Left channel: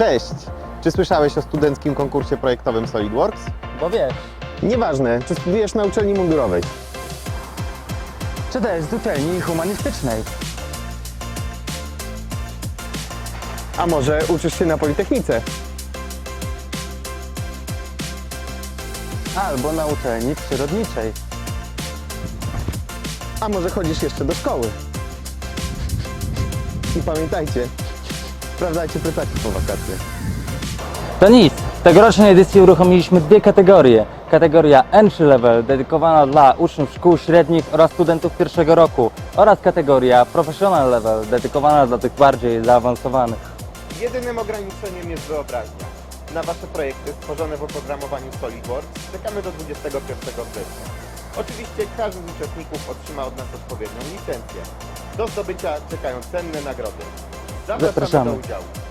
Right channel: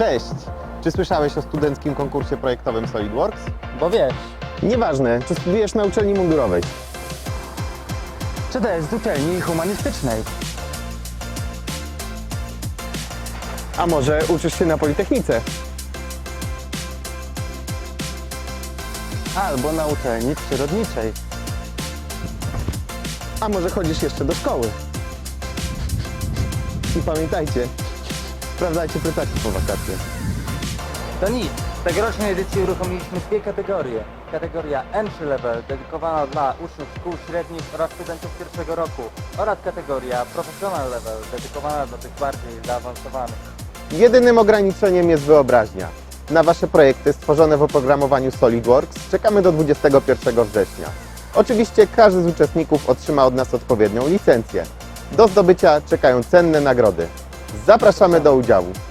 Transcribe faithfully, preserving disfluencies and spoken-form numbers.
Cześć! Czy słyszałeś o studenckim konkursie projektowym SolidWorks? Bo wiesz, Nieważne, czy studiujesz na uczelni mundurowej. czy też z uczelni humanistycznej. A może uczysz się na Politechnice? Albo na uczelni przyrodniczej. A może chodzisz jeszcze do szkoły? I pamiętajcie, sprawdzajcie plecaki po wakacjach. To nic, w tegorocznej edycji uruchomiliśmy dwie kategorie. Kategoria Entry Level, dedykowana dla uczniów szkół średnich oraz studentów pierwszego roku, oraz kategoria Professional Level, dedykowana dla tych bardziej zaawansowanych. Jedynym ograniczeniem jest wyobraźnia. Na Wasze projekty stworzone w oprogramowaniu SolidWorks czekamy do dwudziestego pierwszego września. Oczywiście każdy z uczestników otrzyma od nas odpowiednią licencję. Do zdobycia czekają cenne nagrody. Zapraszamy Zapraszamy. do udziału.